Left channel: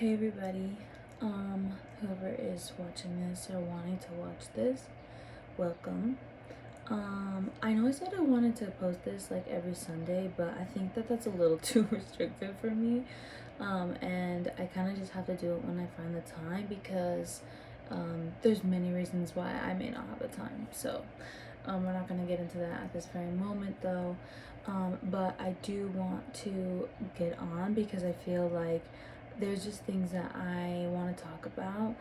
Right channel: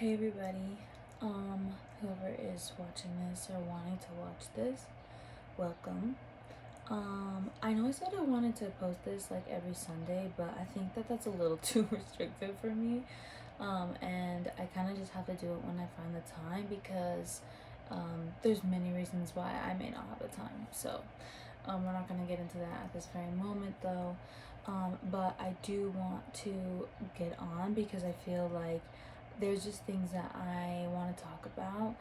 Hey everybody, whoever is watching this or wanting to watch this, welcome. I know I said I wanted to post this like every Sunday, but I think that that's a little too restrictive for me. And I kind of just have to do it when I find the time because there's many reasons why I may not have the time. So we're not going to get into that at this very moment though. But I do want to get on because I feel like there's just things that I want to talk about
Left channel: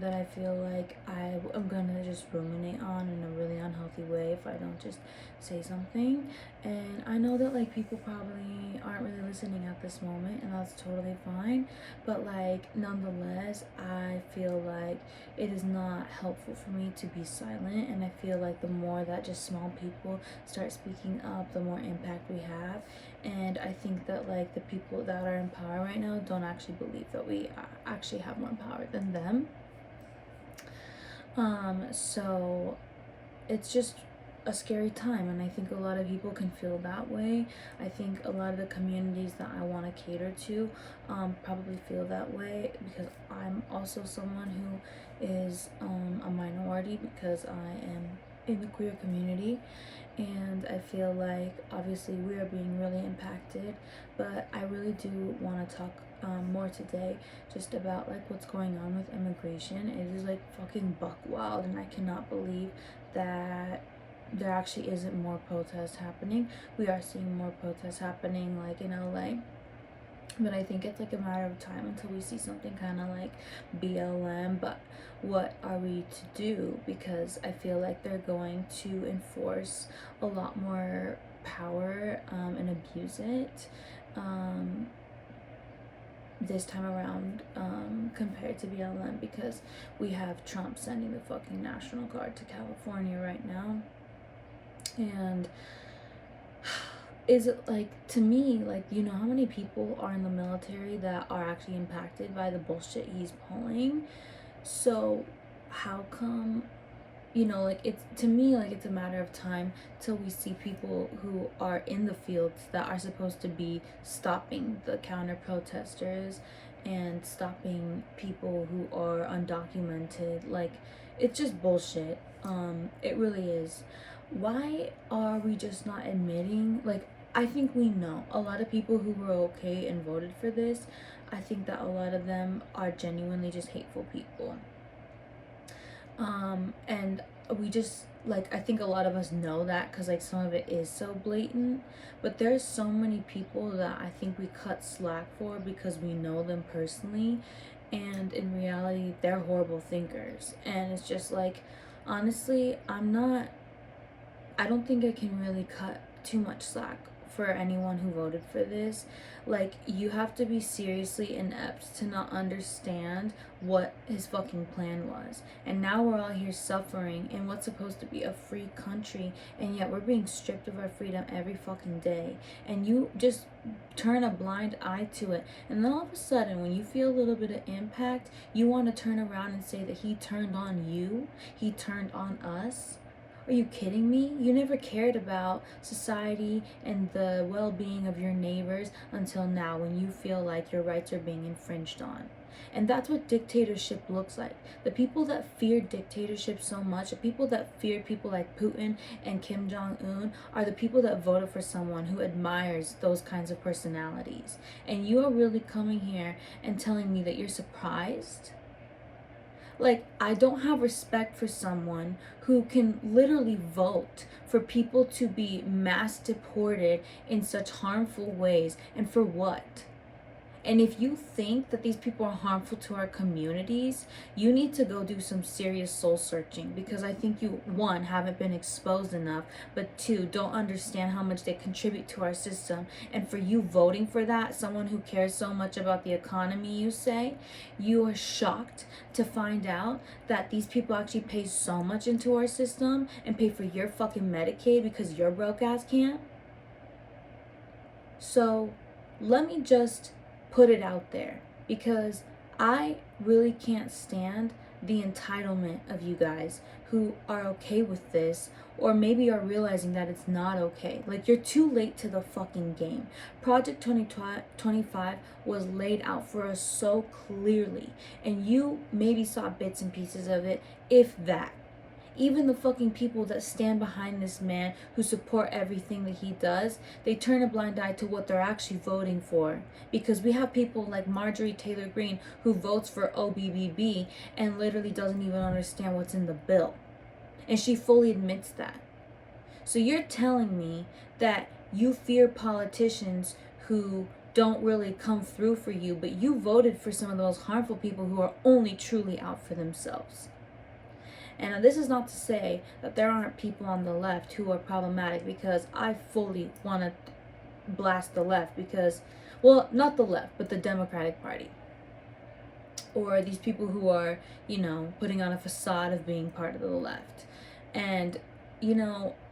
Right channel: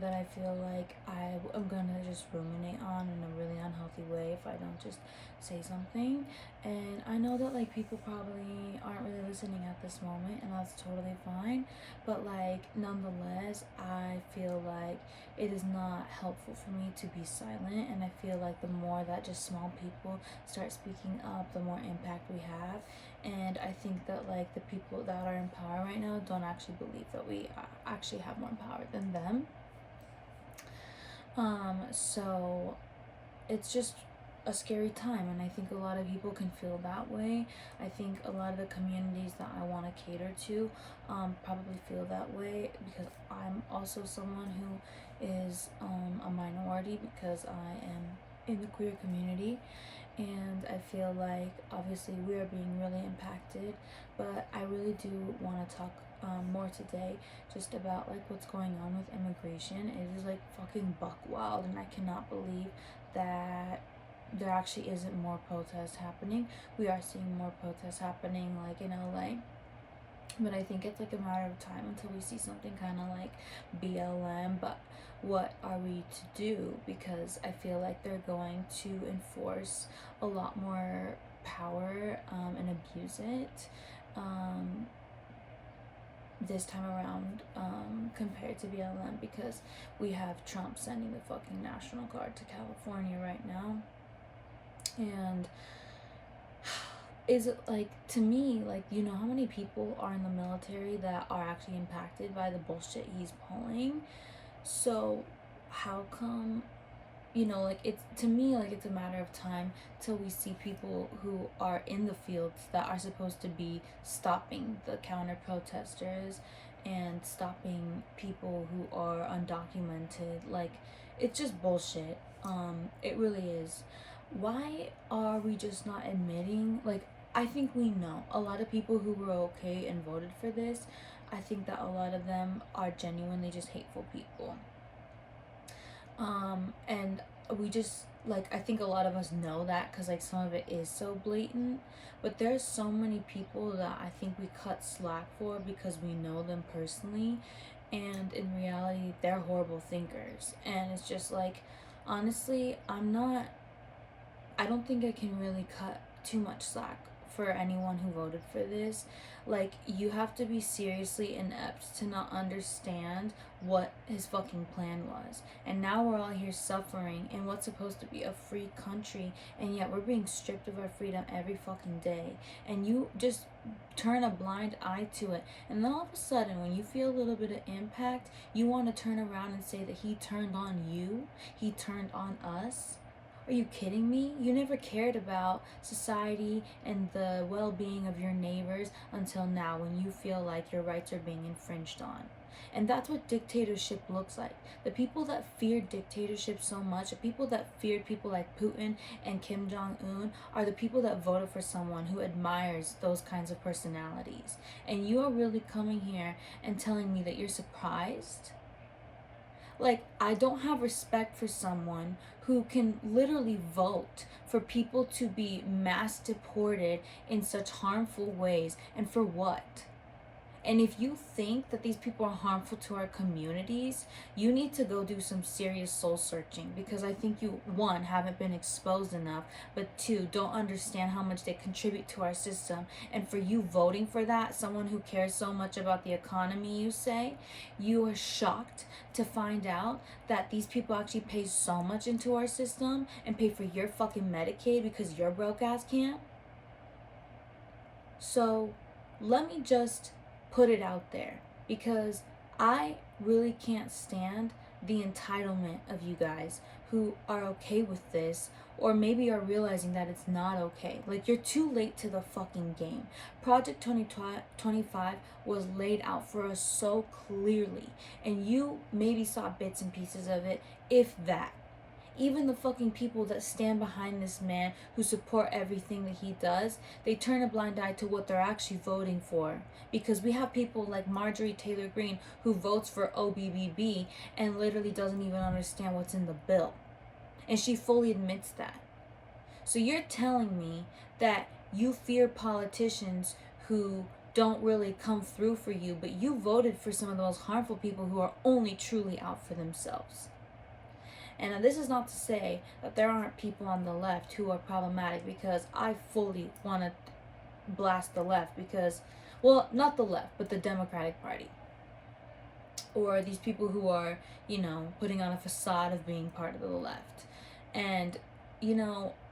that I feel like I'm gonna just ruminate on in a really unhealthy way if I don't just say something. And I know that like people probably aren't really listening at this moment, and that's totally fine. But like nonetheless, I feel like it is not helpful for me to be silent, and I feel like the more that just small people start speaking up, the more impact we have. And I think that like the people that are in power right now don't actually believe that we actually have more power than them. So it's just a scary time, and I think a lot of people can feel that way. I think a lot of the communities that I want to cater to probably feel that way because I'm also someone who is a minority because I am in the queer community, and I feel like obviously we are being really impacted. But I really do want to talk more today just about like what's going on with immigration. It is like fucking buck wild, and I cannot believe that there actually isn't more protests happening. We are seeing more protests happening like in LA, but I think it's like a matter of time until we see something kind of like BLM. But what are we to do? Because I feel like they're going to enforce a lot more power and abuse it this time around compared to BLM, because we have Trump sending the fucking National Guard to California right now. And is it like, to me, like, you know how many people are in the military that are actually impacted by the bullshit he's pulling? So how come, you know, like, it's, to me, like, it's a matter of time till we see people who are in the fields that are supposed to be stopping the counter protesters and stopping people who are undocumented. Like, it's just bullshit. It really is. Why are we just not admitting, like, I think we know a lot of people who were okay and voted for this. I think that a lot of them are genuinely just hateful people. And we just, like, I think a lot of us know that because like some of it is so blatant. But there's so many people that I think we cut slack for because we know them personally, and in reality they're horrible thinkers. And it's just like, honestly, I don't think I can really cut too much slack for anyone who voted for this. Like, you have to be seriously inept to not understand what his fucking plan was. And now we're all here suffering in what's supposed to be a free country, and yet we're being stripped of our freedom every fucking day. And you just turn a blind eye to it. And then all of a sudden, when you feel a little bit of impact, you want to turn around and say that he turned on you, he turned on us. Are you kidding me? You never cared about society and the well-being of your neighbors until now, when you feel like your rights are being infringed on. And that's what dictatorship looks like. The people that fear dictatorship so much, the people that fear people like Putin and Kim Jong-un, are the people that voted for someone who admires those kinds of personalities. And you are really coming here and telling me that you're surprised? Like, I don't have respect for someone who can literally vote for people to be mass deported in such harmful ways. And for what? And if you think that these people are harmful to our communities, you need to go do some serious soul searching, because I think you, one, haven't been exposed enough, but two, don't understand how much they contribute to our system. And for you voting for that, someone who cares so much about the economy, you say, you are shocked to find out that these people actually pay so much into our system and pay for your fucking Medicaid because your broke ass can't? So let me just put it out there, because I really can't stand the entitlement of you guys who are okay with this, or maybe are realizing that it's not okay. Like, you're too late to the fucking game. Project 2025 was laid out for us so clearly, and you maybe saw bits and pieces of it, if that. Even the fucking people that stand behind this man, who support everything that he does, they turn a blind eye to what they're actually voting for. Because we have people like Marjorie Taylor Greene, who votes for OBBB and literally doesn't even understand what's in the bill. And she fully admits that. So you're telling me that you fear politicians who don't really come through for you, but you voted for some of the most harmful people who are only truly out for themselves. And this is not to say that there aren't people on the left who are problematic, because I fully want to blast the left, because, well, not the left, but the Democratic Party. Or these people who are, putting on a facade of being part of the left. And,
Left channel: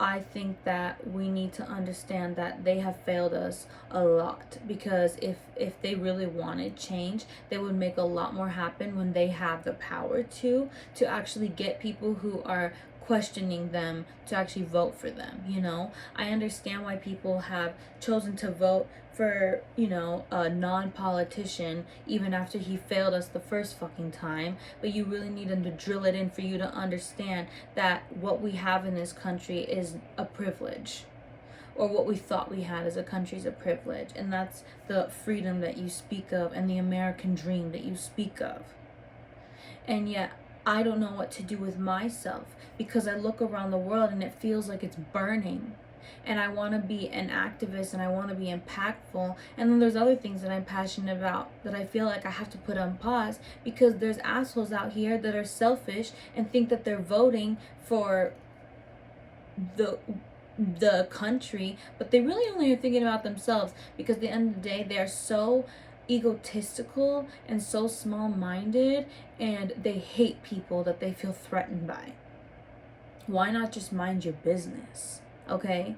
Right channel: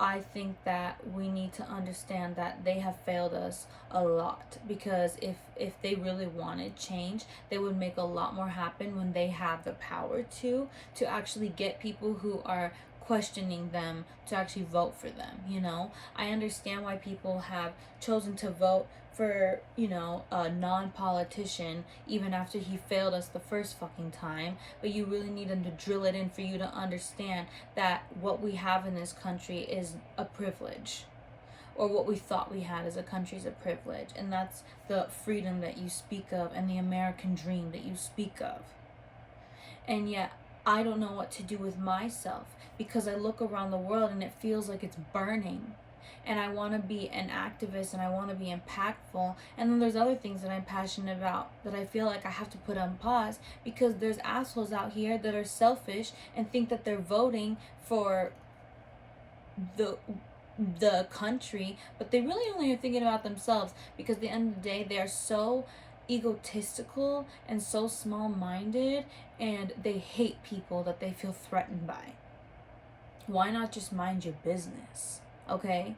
I think that we need to understand that they have failed us a lot, because if they really wanted change, they would make a lot more happen when they have the power to actually get people who are questioning them to actually vote for them. I understand why people have chosen to vote for, a non-politician even after he failed us the first fucking time, but you really need them to drill it in for you to understand that what we have in this country is a privilege, or what we thought we had as a country is a privilege, and that's the freedom that you speak of and the American dream that you speak of. And yet I don't know what to do with myself, because I look around the world and it feels like it's burning. And I want to be an activist and I want to be impactful. And then there's other things that I'm passionate about that I feel like I have to put on pause, because there's assholes out here that are selfish and think that they're voting for the country, but they really only are thinking about themselves, because at the end of the day, they're so egotistical and so small-minded, and they hate people that they feel threatened by. Why not just mind your business, okay?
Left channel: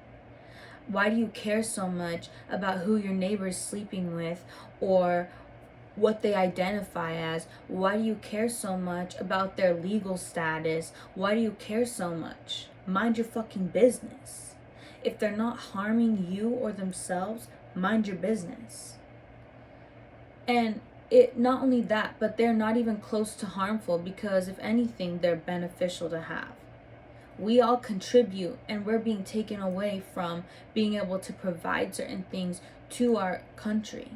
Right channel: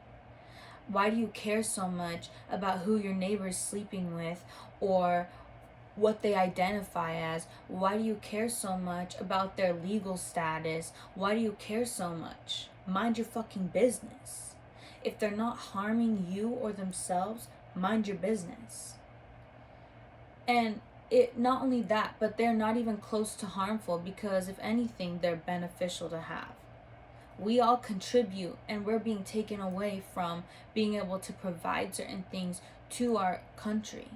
Why do you care so much about who your neighbor is sleeping with, or what they identify as? Why do you care so much about their legal status? Why do you care so much? Mind your fucking business. If they're not harming you or themselves, mind your business. And it not only that, but they're not even close to harmful, because if anything, they're beneficial to have. We all contribute, and we're being taken away from being able to provide certain things to our country.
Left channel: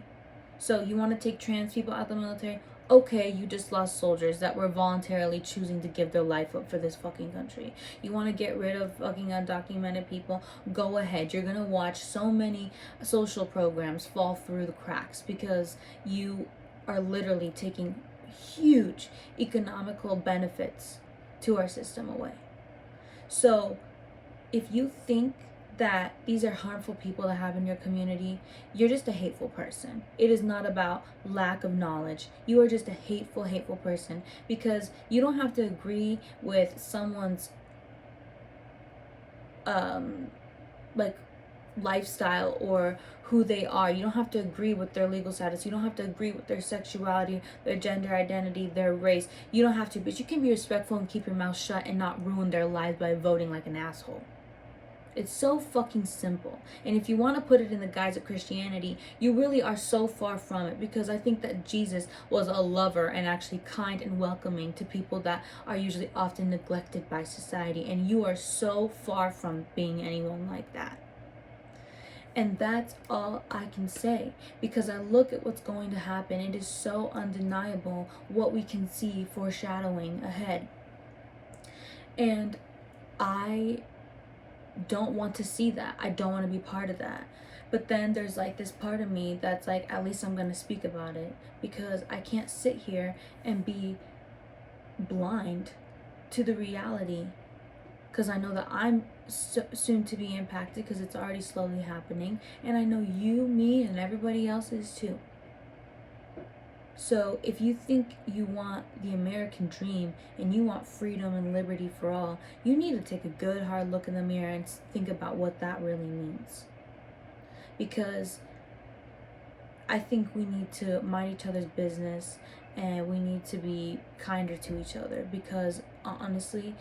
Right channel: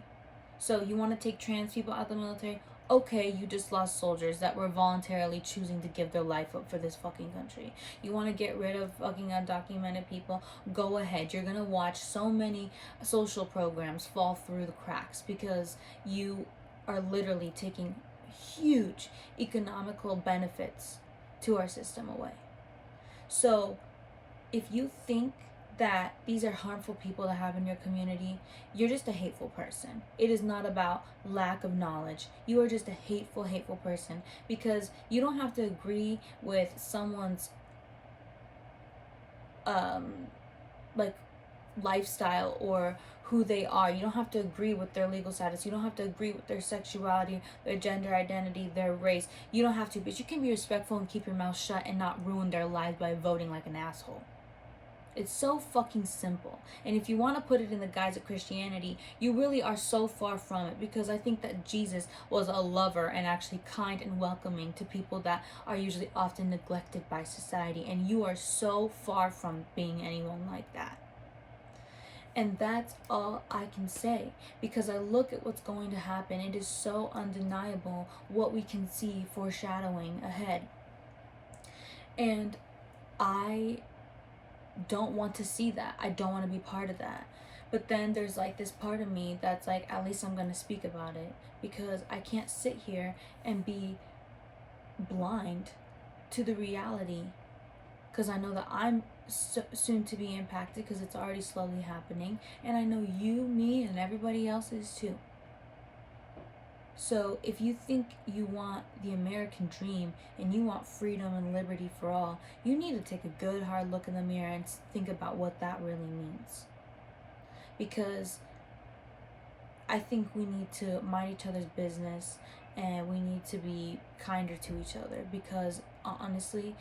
So you want to take trans people out of the military? Okay, you just lost soldiers that were voluntarily choosing to give their life up for this fucking country. You want to get rid of fucking undocumented people? Go ahead. You're going to watch so many social programs fall through the cracks, because you are literally taking huge economical benefits to our system away. So if you think that these are harmful people to have in your community, you're just a hateful person. It is not about lack of knowledge. You are just a hateful person, because you don't have to agree with someone's like lifestyle or who they are. You don't have to agree with their legal status. You don't have to agree with their sexuality, their gender identity, their race. You don't have to, but you can be respectful and keep your mouth shut and not ruin their lives by voting like an asshole. It's so fucking simple. And if you want to put it in the guise of Christianity, you really are so far from it, because I think that Jesus was a lover and actually kind and welcoming to people that are usually often neglected by society, and you are so far from being anyone like that. And that's all I can say, because I look at what's going to happen. It is so undeniable what we can see foreshadowing ahead. And I don't want to see that. I don't want to be part of that. But then there's like this part of me that's like, at least I'm going to speak about it, because I can't sit here and be blind to the reality, because I know that I'm soon to be impacted, because it's already slowly happening, and I know you, me, and everybody else is too. So if you think you want the American dream and you want freedom and liberty for all, you need to take a good hard look in the mirror and think about what that really means. Because I think we need to mind each other's business, and we need to be kinder to each other, because honestly,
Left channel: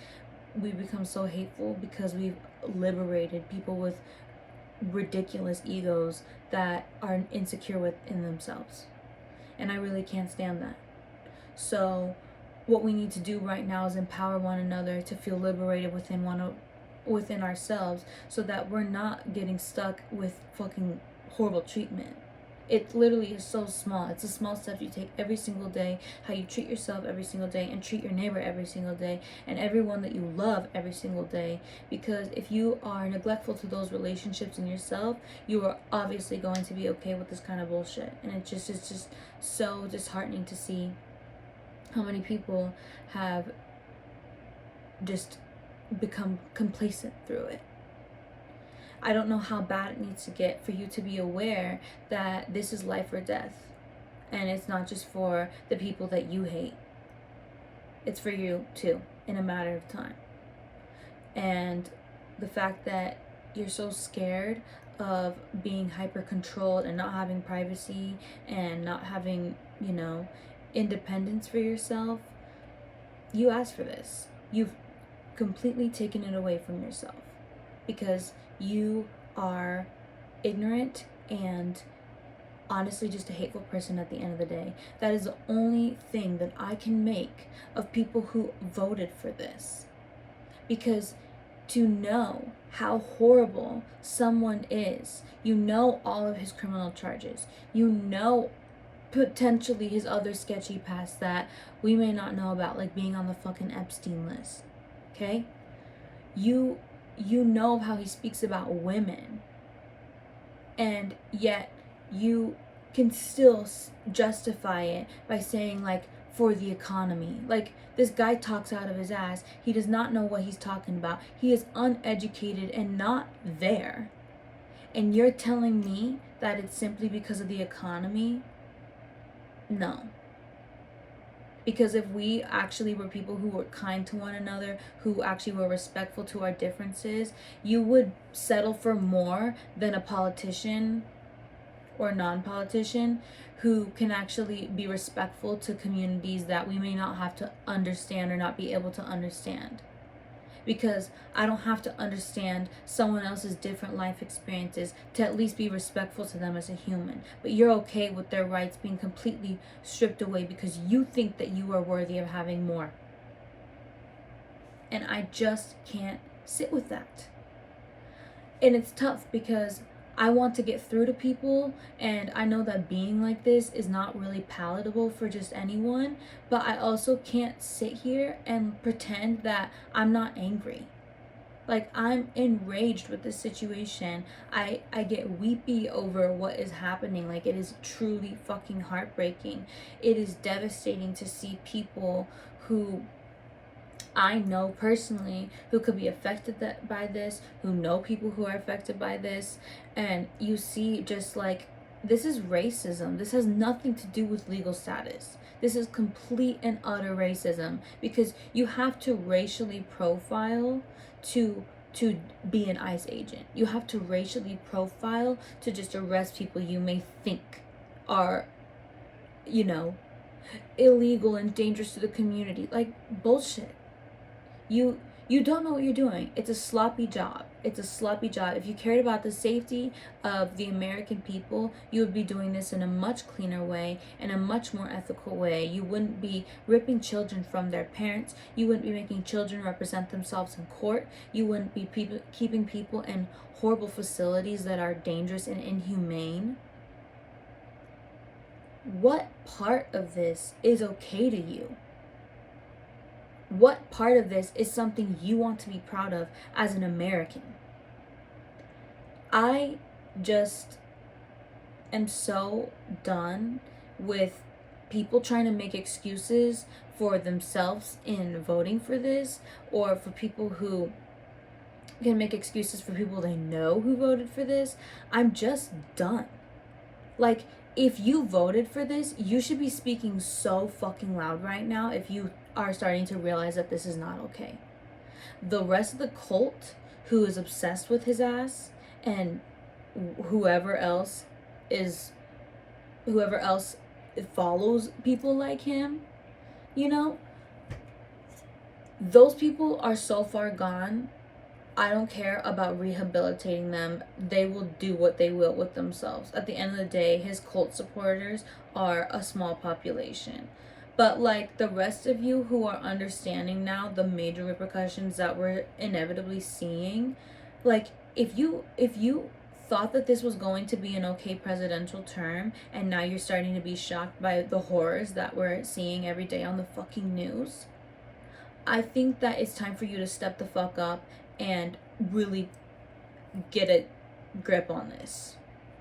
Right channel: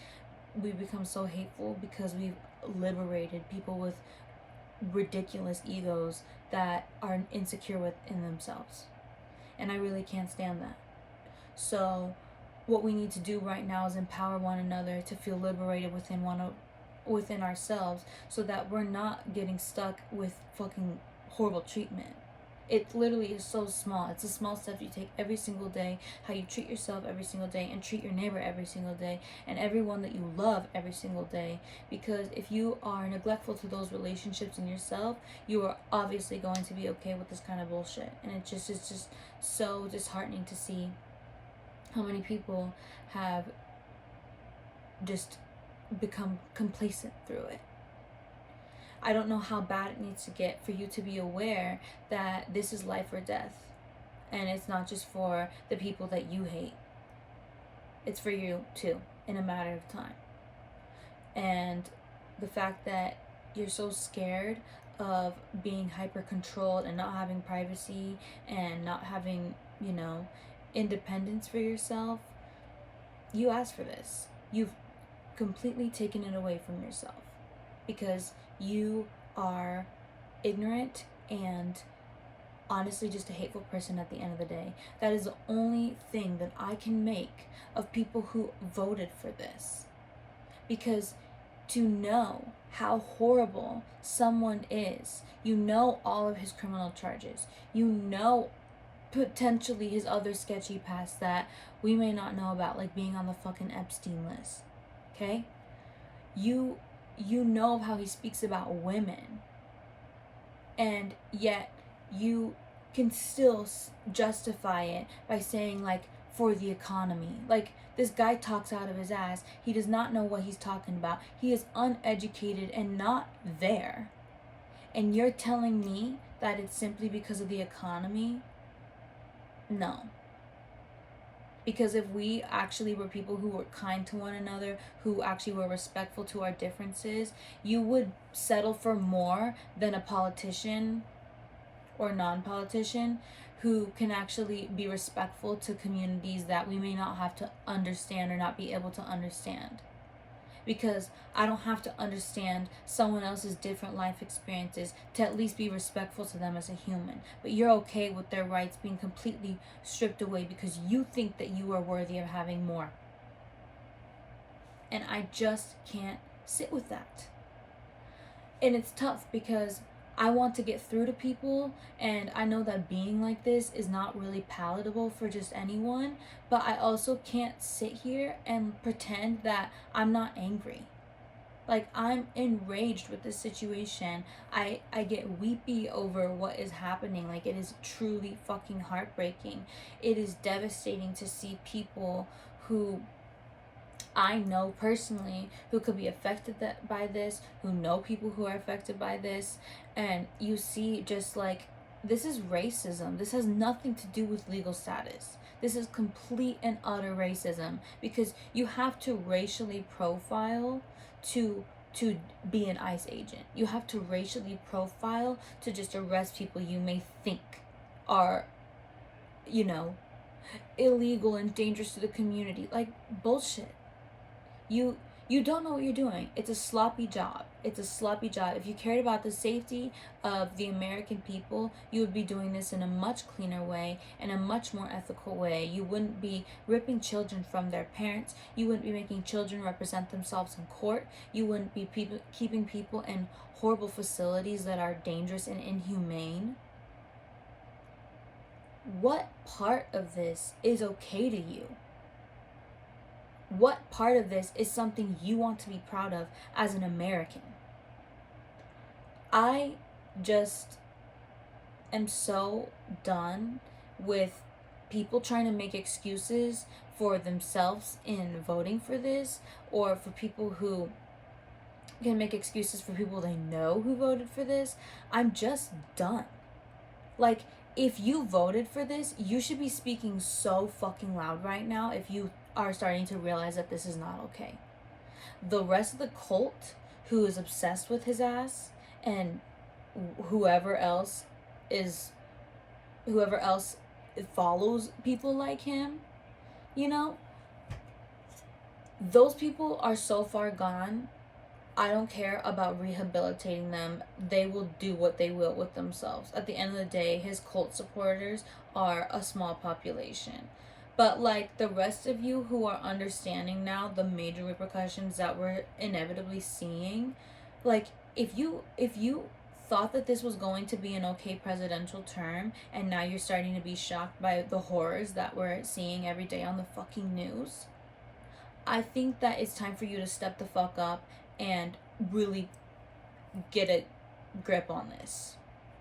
we become so hateful because we've liberated people with ridiculous egos that are insecure within themselves. And I really can't stand that. So what we need to do right now is empower one another to feel liberated within ourselves, so that we're not getting stuck with fucking horrible treatment. It literally is so small. It's a small step you take every single day, how you treat yourself every single day, and treat your neighbor every single day, and everyone that you love every single day. Because if you are neglectful to those relationships in yourself, you are obviously going to be okay with this kind of bullshit. And it's just so disheartening to see how many people have just become complacent through it. I don't know how bad it needs to get for you to be aware that this is life or death. And it's not just for the people that you hate. It's for you too, in a matter of time. And the fact that you're so scared of being hyper controlled and not having privacy and not having, independence for yourself, you asked for this. You've completely taken it away from yourself because you are ignorant and honestly just a hateful person at the end of the day. That is the only thing that I can make of people who voted for this. Because to know how horrible someone is, you know all of his criminal charges, you know potentially his other sketchy past that we may not know about, like being on the fucking Epstein list. Okay? You know how he speaks about women, and yet you can still justify it by saying, like, for the economy. Like, this guy talks out of his ass. He does not know what he's talking about. He is uneducated and not there. And you're telling me that it's simply because of the economy? No. Because if we actually were people who were kind to one another, who actually were respectful to our differences, you would settle for more than a politician or non-politician who can actually be respectful to communities that we may not have to understand or not be able to understand. Because I don't have to understand someone else's different life experiences to at least be respectful to them as a human. But you're okay with their rights being completely stripped away because you think that you are worthy of having more. And I just can't sit with that. And it's tough because I want to get through to people, and I know that being like this is not really palatable for just anyone, but I also can't sit here and pretend that I'm not angry. Like, I'm enraged with this situation. I get weepy over what is happening. Like, it is truly fucking heartbreaking. It is devastating to see people who I know personally who could be affected by this, who know people who are affected by this, and you see just like, this is racism. This has nothing to do with legal status. This is complete and utter racism, because you have to racially profile to be an ICE agent. You have to racially profile to just arrest people you may think are, illegal and dangerous to the community. Like, bullshit. You don't know what you're doing. It's a sloppy job. It's a sloppy job. If you cared about the safety of the American people, you would be doing this in a much cleaner way, in a much more ethical way. You wouldn't be ripping children from their parents. You wouldn't be making children represent themselves in court. You wouldn't be keeping people in horrible facilities that are dangerous and inhumane. What part of this is okay to you? What part of this is something you want to be proud of as an American? I just am so done with people trying to make excuses for themselves in voting for this, or for people who can make excuses for people they know who voted for this. I'm just done. Like, if you voted for this, you should be speaking so fucking loud right now if you are starting to realize that this is not okay. The rest of the cult who is obsessed with his ass, and whoever else follows people like him, those people are so far gone. I don't care about rehabilitating them. They will do what they will with themselves. At the end of the day, his cult supporters are a small population. But like the rest of you who are understanding now the major repercussions that we're inevitably seeing, like if you thought that this was going to be an okay presidential term and now you're starting to be shocked by the horrors that we're seeing every day on the fucking news, I think that it's time for you to step the fuck up and really get a grip on this.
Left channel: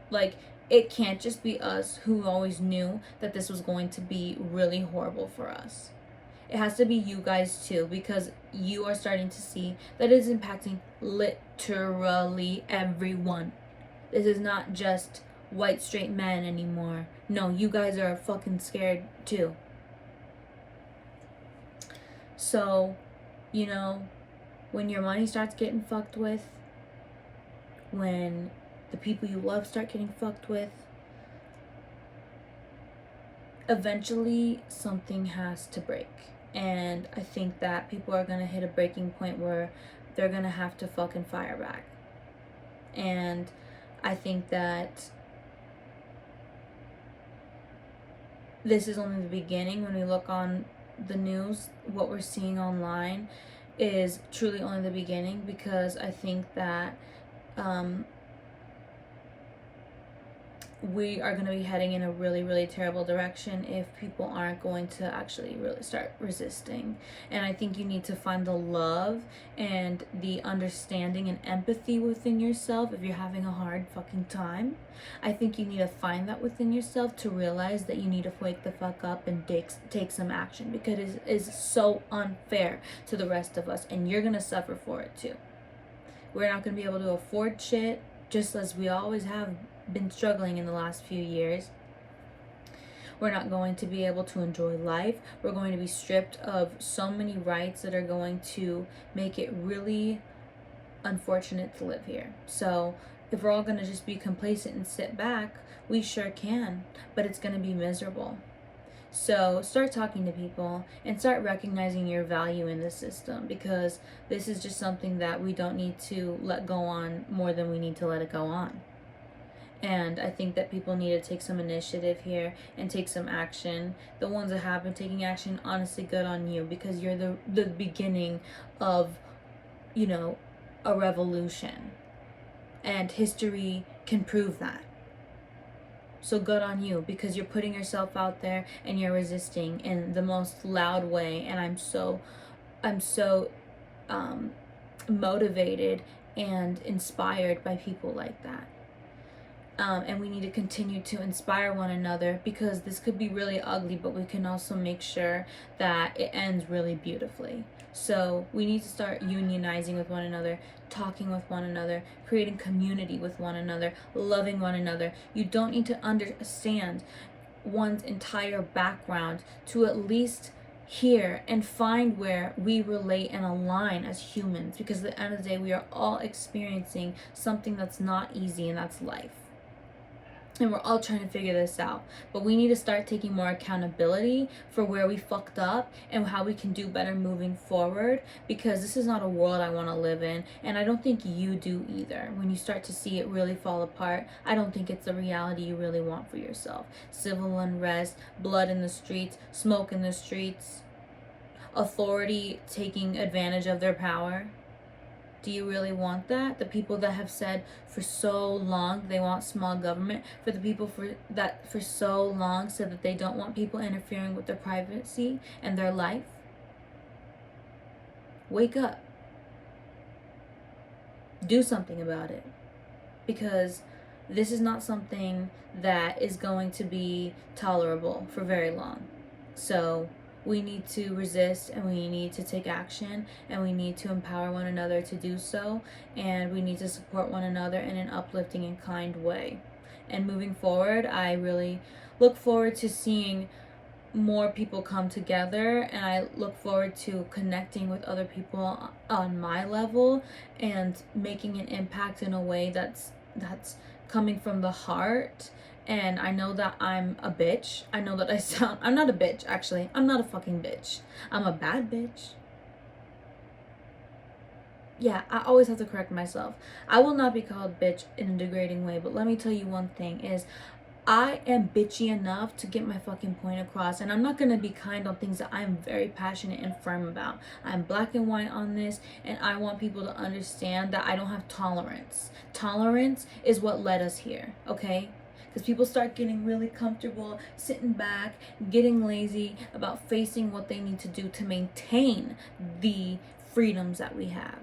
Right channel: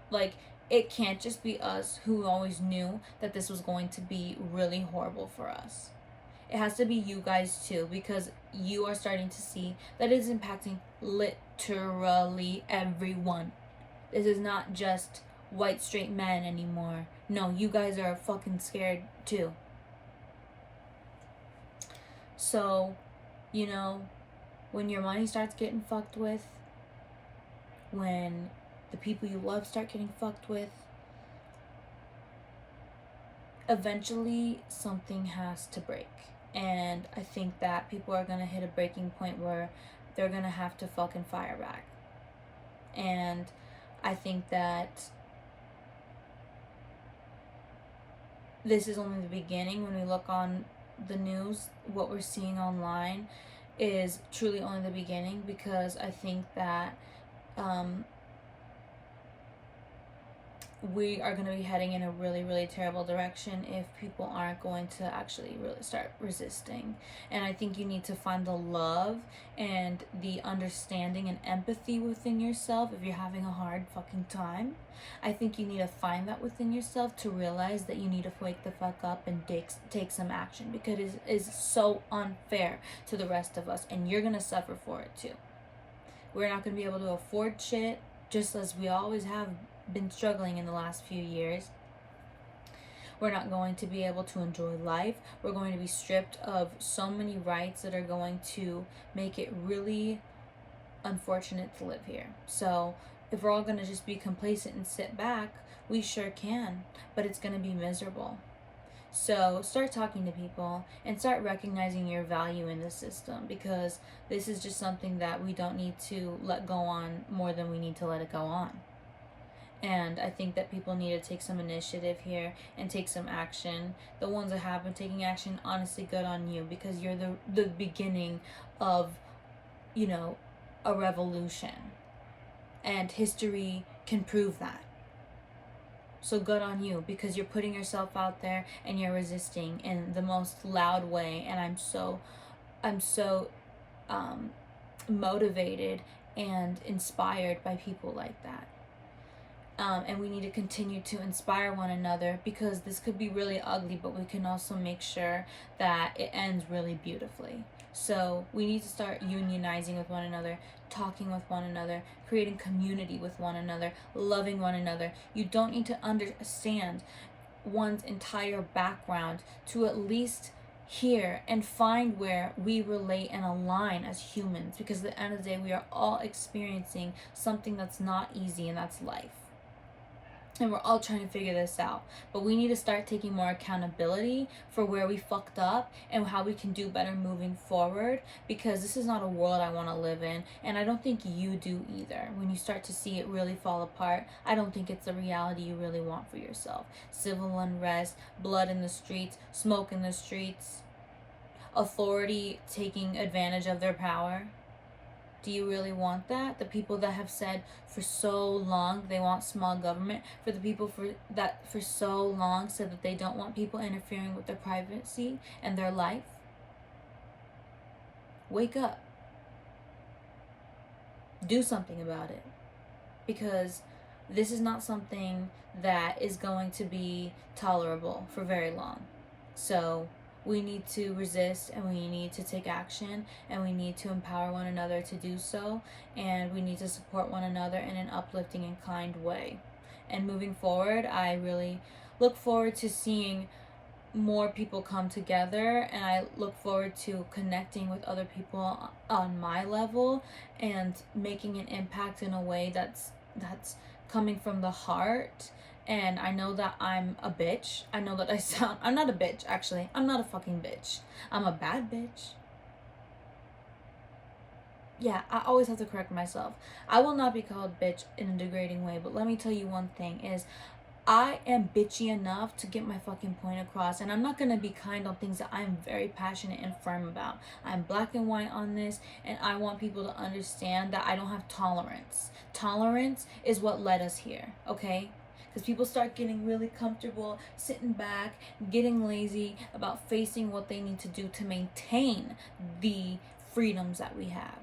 Like, it can't just be us who always knew that this was going to be really horrible for us. It has to be you guys too, because you are starting to see that it is impacting literally everyone. This is not just white straight men anymore. No, you guys are fucking scared too. So, you know, when your money starts getting fucked with, when the people you love start getting fucked with, eventually something has to break. And I think that people are gonna hit a breaking point where they're gonna have to fucking fire back. And I think that this is only the beginning. When we look on the news, what we're seeing online is truly only the beginning, because I think that we are going to be heading in a really, really terrible direction if people aren't going to actually really start resisting. And I think you need to find the love and the understanding and empathy within yourself if you're having a hard fucking time. I think you need to find that within yourself to realize that you need to wake the fuck up and take some action, because it is so unfair to the rest of us, and you're going to suffer for it too. We're not going to be able to afford shit, just as we always have been struggling in the last few years. We're not going to be able to enjoy life. We're going to be stripped of so many rights that are going to make it really unfortunate to live here. So if we're all going to just be complacent and sit back, we sure can, but it's going to be miserable. So start talking to people and start recognizing your value in the system, because this is just something that we don't need to let go on more than we need to let it go on. And I think that people need to take some initiative here and take some action. The ones that have been taking action, honestly, good on you, because you're the beginning of, you know, a revolution. And history can prove that. So good on you, because you're putting yourself out there and you're resisting in the most loud way. And I'm so motivated and inspired by people like that. And we need to continue to inspire one another, because this could be really ugly, but we can also make sure that it ends really beautifully. So we need to start unionizing with one another, talking with one another, creating community with one another, loving one another. You don't need to understand one's entire background to at least hear and find where we relate and align as humans, because at the end of the day, we are all experiencing something that's not easy, and that's life. And we're all trying to figure this out. But we need to start taking more accountability for where we fucked up and how we can do better moving forward, because this is not a world I want to live in. And I don't think you do either. When you start to see it really fall apart, I don't think it's the reality you really want for yourself. Civil unrest, blood in the streets, smoke in the streets, authority taking advantage of their power. Do you really want that? The people that have said for so long they want small government, for the people that for so long said that they don't want people interfering with their privacy and their life? Wake up. Do something about it, because this is not something that is going to be tolerable for very long. So we need to resist, and we need to take action, and we need to empower one another to do so, and we need to support one another in an uplifting and kind way. And moving forward, I really look forward to seeing more people come together, and I look forward to connecting with other people on my level and making an impact in a way that's coming from the heart. And I know that I'm a bitch. I know that I'm not a bitch, actually. I'm not a fucking bitch. I'm a bad bitch. yeah, I always have to correct myself. I will not be called bitch in a degrading way, but let me tell you one thing is I am bitchy enough to get my fucking point across, and I'm not gonna be kind on things that I'm very passionate and firm about. I'm black and white on this, and I want people to understand that I don't have tolerance. Tolerance is what led us here, okay? Because people start getting really comfortable, sitting back, getting lazy about facing what they need to do to maintain the freedoms that we have.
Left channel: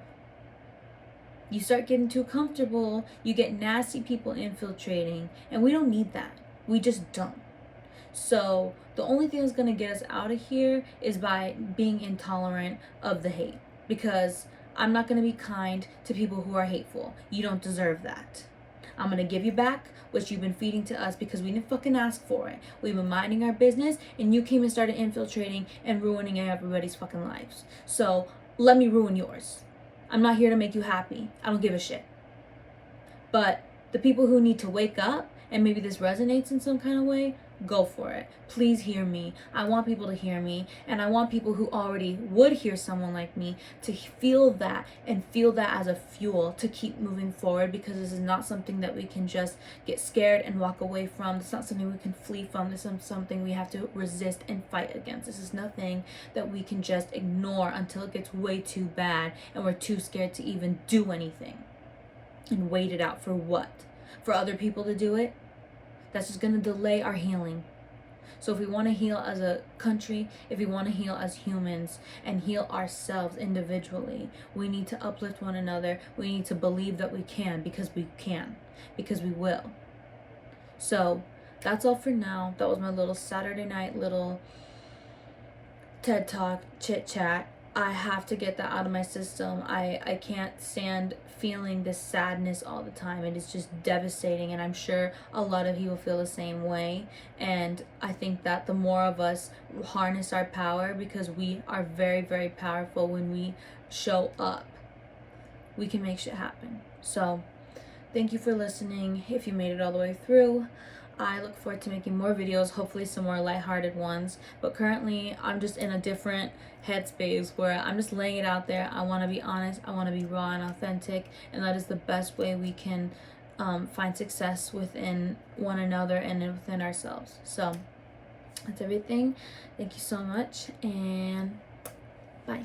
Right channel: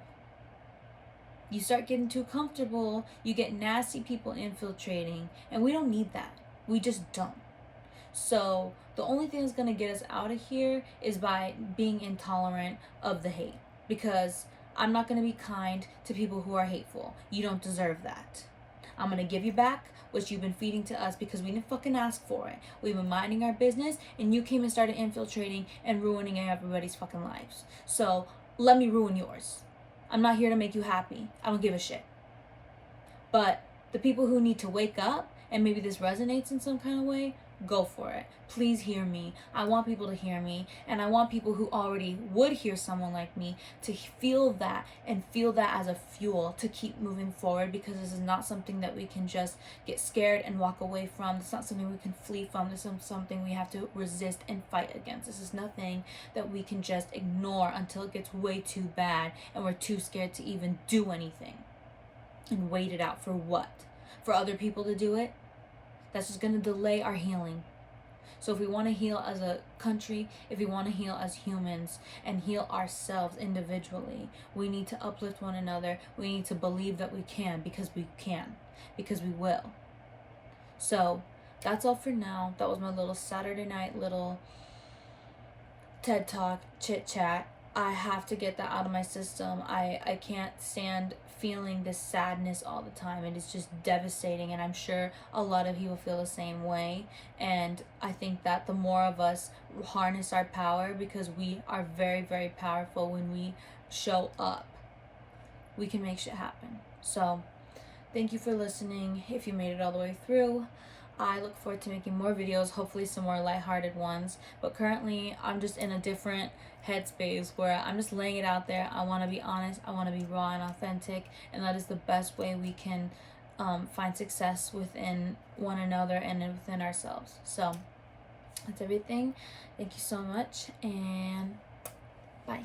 You start getting too comfortable, you get nasty people infiltrating, and we don't need that. We just don't. So the only thing that's gonna get us out of here is by being intolerant of the hate. Because I'm not gonna be kind to people who are hateful. You don't deserve that. I'm gonna give you back what you've been feeding to us because we didn't fucking ask for it. We've been minding our business and you came and started infiltrating and ruining everybody's fucking lives. So let me ruin yours. I'm not here to make you happy. I don't give a shit. But the people who need to wake up, and maybe this resonates in some kind of way, go for it. Please hear me. I want people to hear me, and I want people who already would hear someone like me to feel that and feel that as a fuel to keep moving forward, because this is not something that we can just get scared and walk away from. It's not something we can flee from. This is something we have to resist and fight against. This is nothing that we can just ignore until it gets way too bad and we're too scared to even do anything. And wait it out for what? For other people to do it? That's just going to delay our healing. So if we want to heal as a country, if we want to heal as humans and heal ourselves individually, we need to uplift one another. We need to believe that we can, because because we will. So that's all for now. That was my little Saturday night little TED Talk chit chat. I have to get that out of my system. I can't stand feeling this sadness all the time. It is just devastating, and I'm sure a lot of you will feel the same way. And I think that the more of us harness our power, because we are very, very powerful when we show up, we can make shit happen. So thank you for listening. If you made it all the way through, I look forward to making more videos, hopefully some more lighthearted ones. But currently, I'm just in a different headspace where I'm just laying it out there. I want to be honest, I want to be raw and authentic, and that is the best way we can find success within one another and within ourselves. So that's everything. Thank you so much, and bye.